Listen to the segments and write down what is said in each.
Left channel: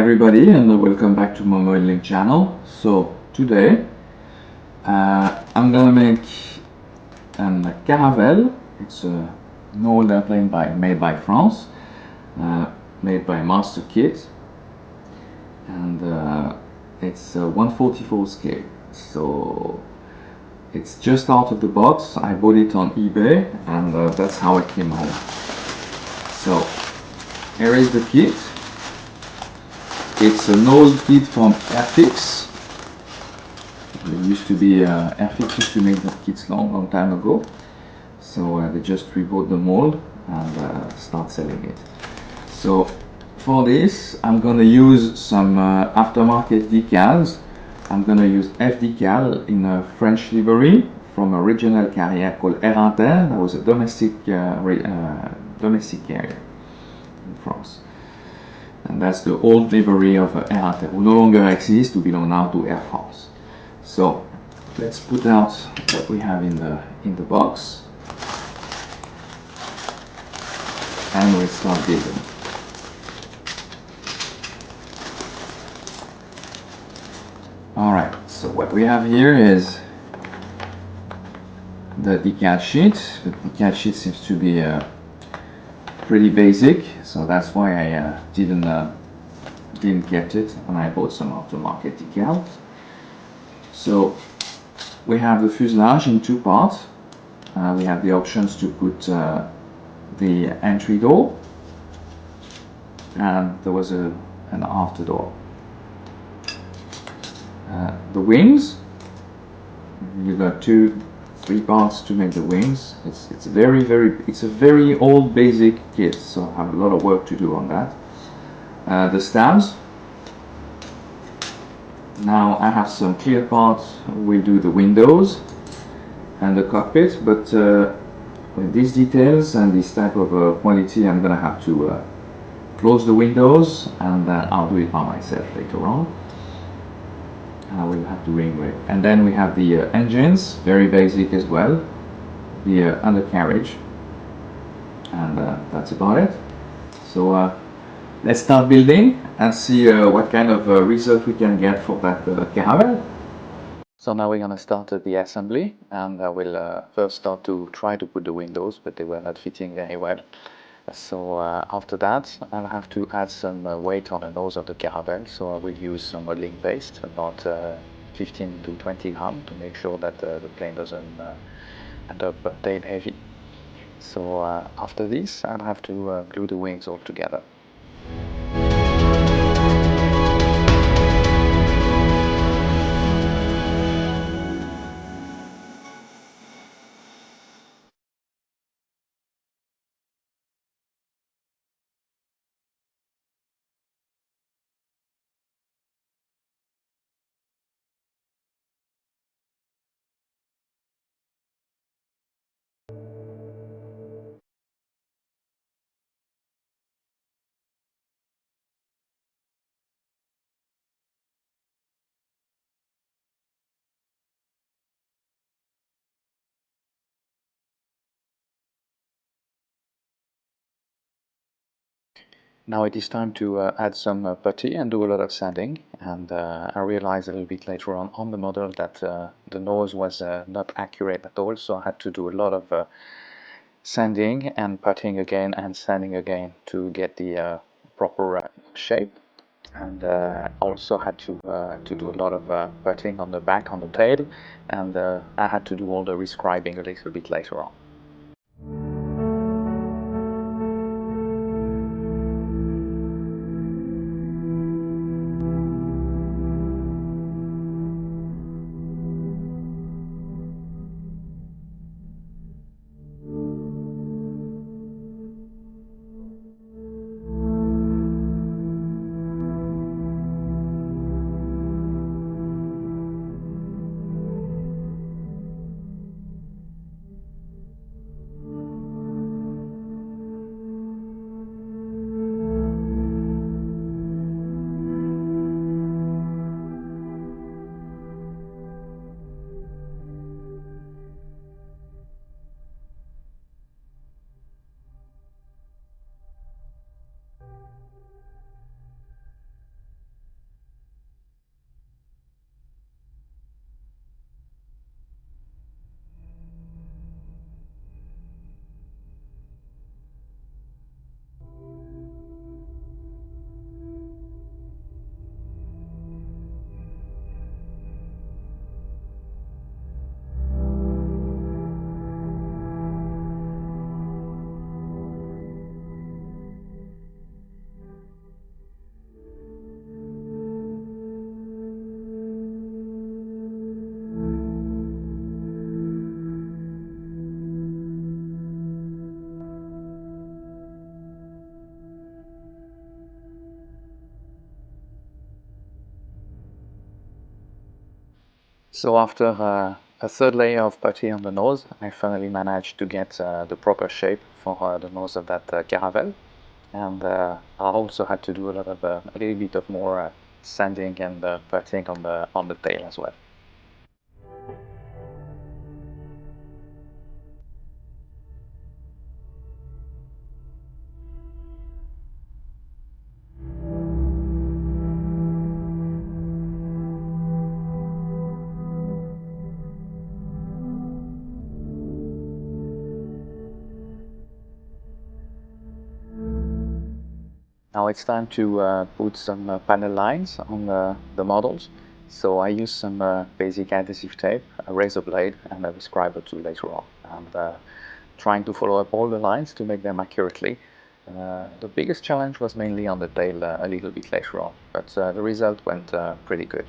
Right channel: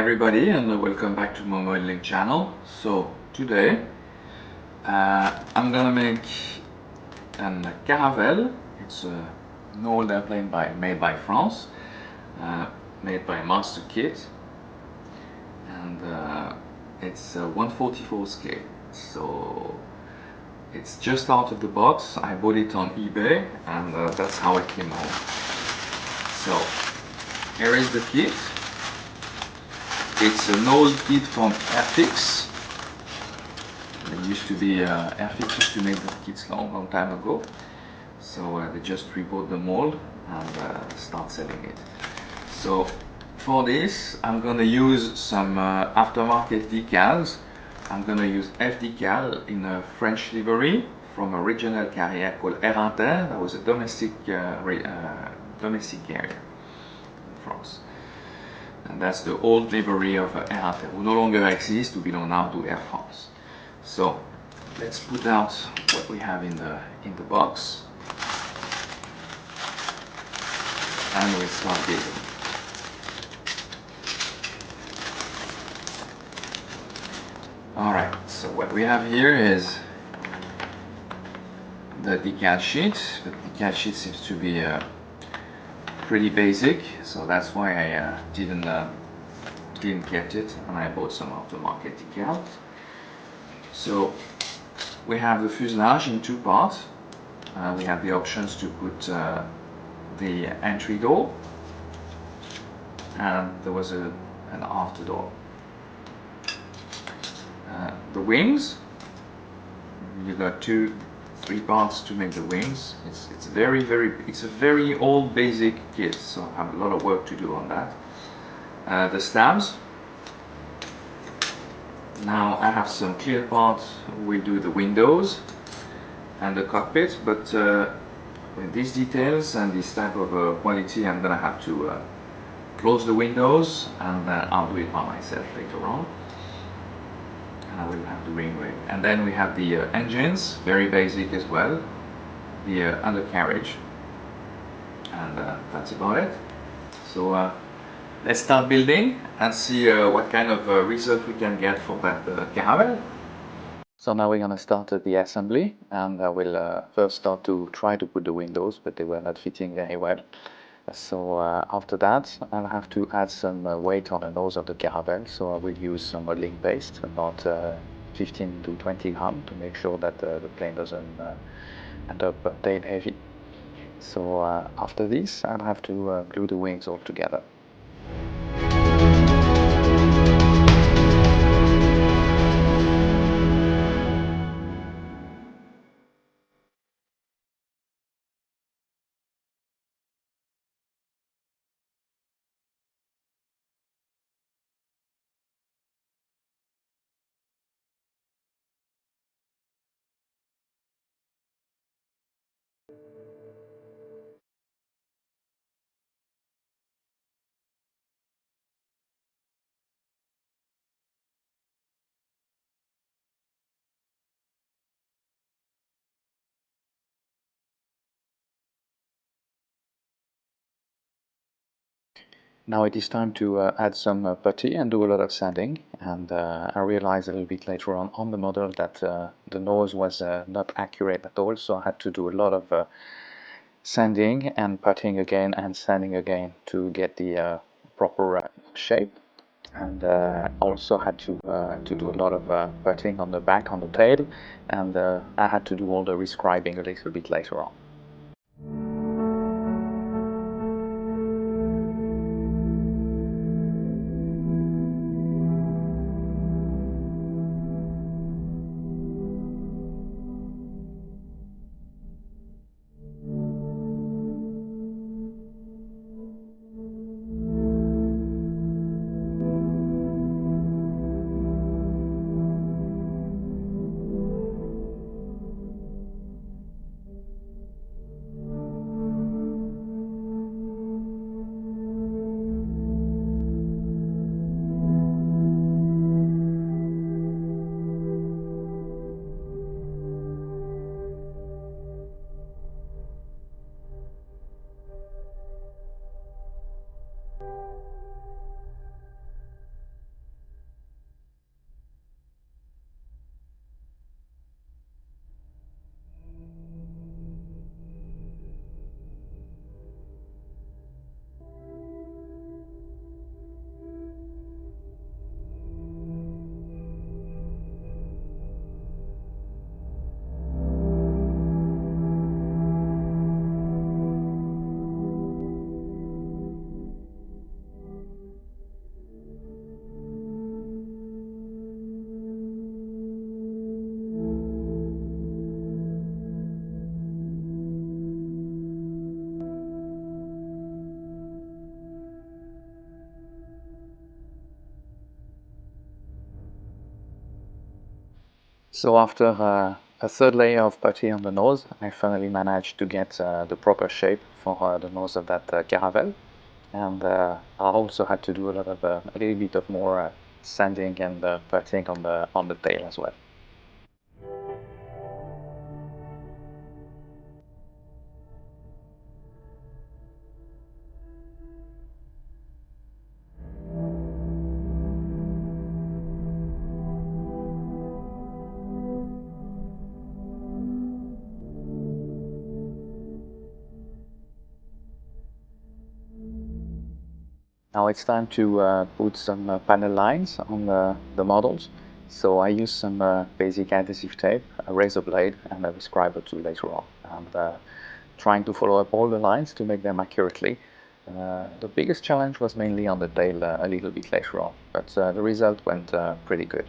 everybody, and welcome back to my modeling channel. So today I'm gonna make a Caravelle. It's an old airplane made by France, made by Mastercraft, and it's 1/44 scale. So it's just out of the box. I bought it on eBay, and that's how it came home. So here is the kit. It's an old kit from Airfix. There used to be Airfix used to make the kits long time ago. So they just rebought the mold and start selling it. So for this, I'm gonna use some aftermarket decals. I'm gonna use F decal in a French livery from a regional carrier called Air Inter. That was a domestic carrier in France. And that's the old livery of Air Inter, who no longer exists, who belong now to Air France. So let's put out what we have in the box, and we'll start building. Alright, so what we have here is the decal sheet. The decal sheet seems to be pretty basic, so that's why I didn't get it, and I bought some aftermarket decals. So we have the fuselage in two parts. We have the options to put the entry door, and there was an after door. The wings, you got three parts to make the wings. It's a very old basic kit, so I have a lot of work to do on that. The stabs. Now I have some clear parts. We'll do the windows and the cockpit, but with these details and this type of quality, I'm gonna have to close the windows, and I'll do it by myself later on. And I will have to re-engrave. And then we have the engines, very basic as well, the undercarriage, and that's about it. So let's start building and see what kind of result we can get for that Caravelle. So now we're going to start the assembly, and I will first start to try to put the windows, but they were not fitting very well. So after that, I'll have to add some weight on the nose of the Caravelle, so I will use some modeling paste, about 15 to 20 grams, to make sure that the plane doesn't end up tail heavy. So after this, I'll have to glue the wings all together. Now it is time to add some putty and do a lot of sanding, and I realized a little bit later on the model that the nose was not accurate at all, so I had to do a lot of sanding and puttying again and sanding again to get the proper shape. And also had to do a lot of puttying on the back, on the tail, and I had to do all the rescribing a little bit later on. So after a third layer of putty on the nose, I finally managed to get the proper shape for the nose of that Caravelle. And I also had to do a little bit of more sanding and puttying on the tail as well. Now it's time to put some panel lines on the models. So I use some basic adhesive tape, a razor blade, and a Rescriber tool later on. And trying to follow up all the lines to make them accurately. The biggest challenge was mainly on the tail a little bit later on, but the result went pretty good.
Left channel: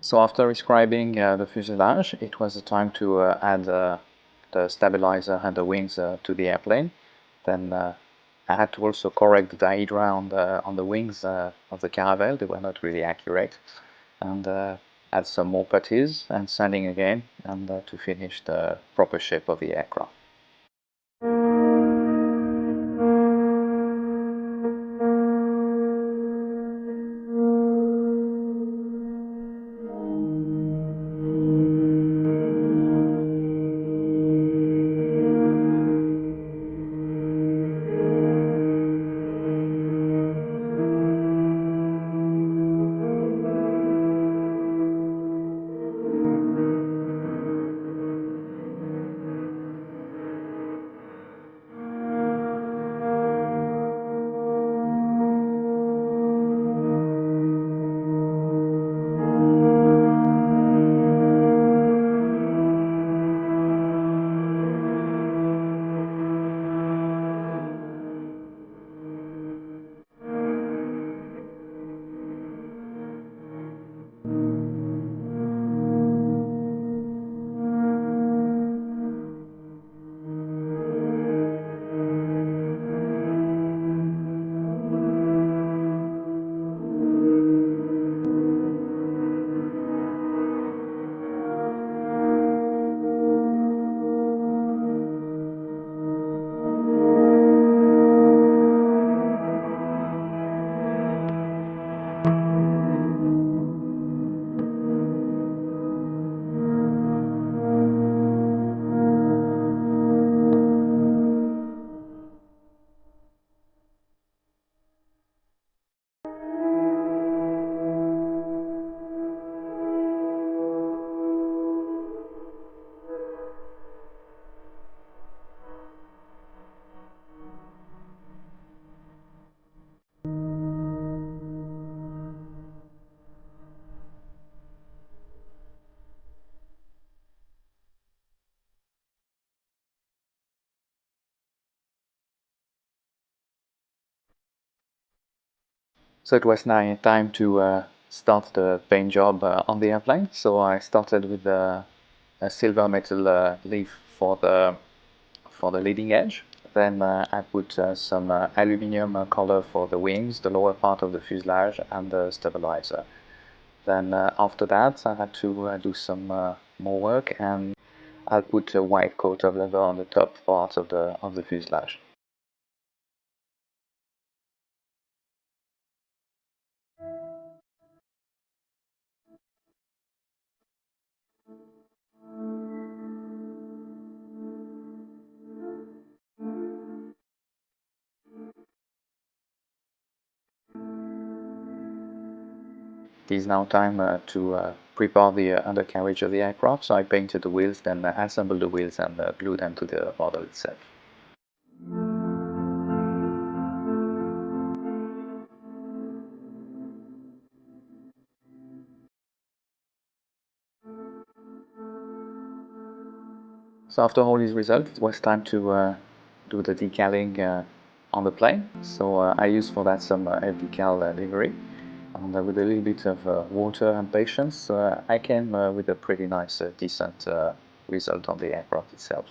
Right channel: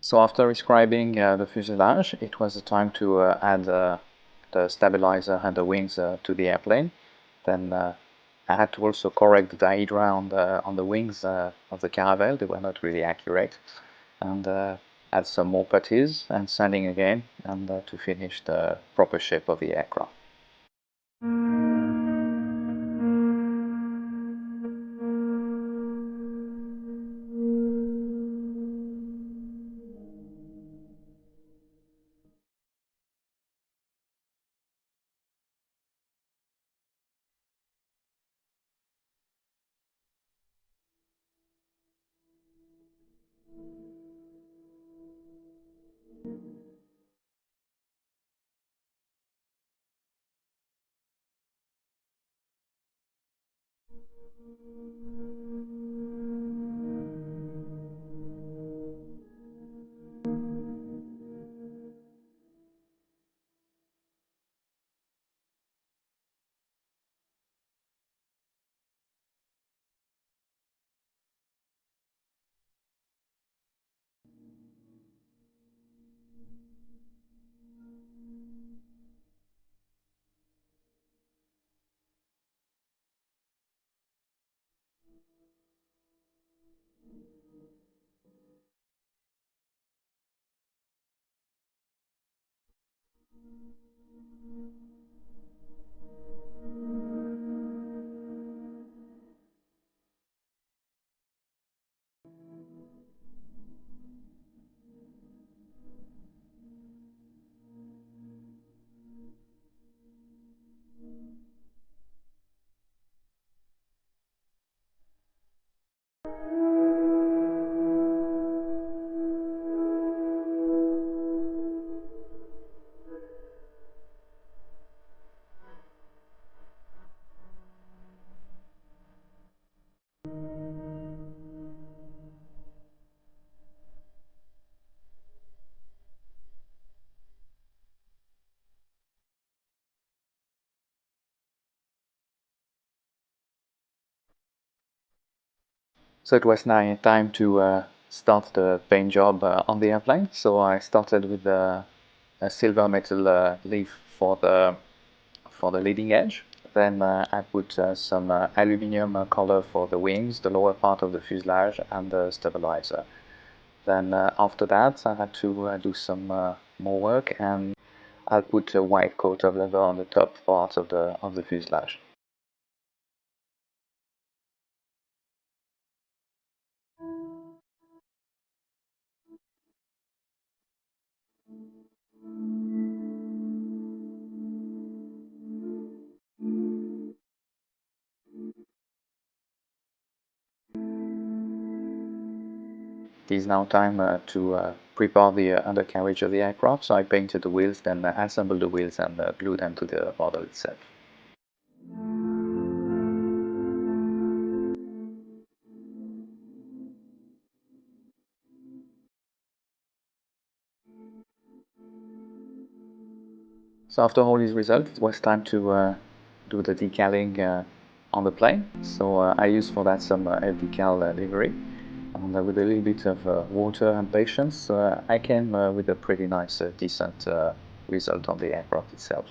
So after describing the fuselage, it was the time to add the stabilizer and the wings to the airplane. Then I had to also correct the dihedra on the wings of the Caravelle. They were not really accurate. And add some more putties and sanding again, and to finish the proper shape of the aircraft. So it was now time to start the paint job on the airplane. So I started with a silver metal leaf for the leading edge. Then I put some aluminium color for the wings, the lower part of the fuselage, and the stabilizer. Then after that, I had to do some more work, and I'll put a white coat of leather on the top part of the fuselage. It is now time to prepare the undercarriage of the aircraft. So I painted the wheels, then assembled the wheels and glued them to the model itself. So after all these results, it was time to do the decaling on the plane. So I used for that some decal livery. And with a little bit of water and patience, I came with a pretty nice, decent result on the aircraft itself.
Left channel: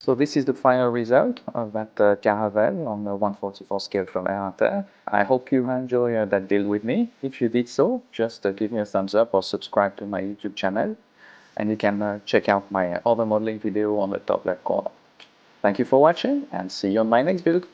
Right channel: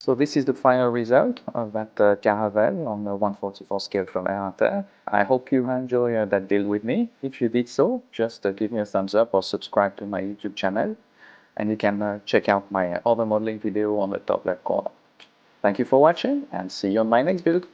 So this is the final result of that Caravelle on the 144 scale from Air. I hope you enjoy that build with me. If you did so, just give me a thumbs up or subscribe to my YouTube channel. And you can check out my other modeling video on the top left corner. Thank you for watching and see you on my next build.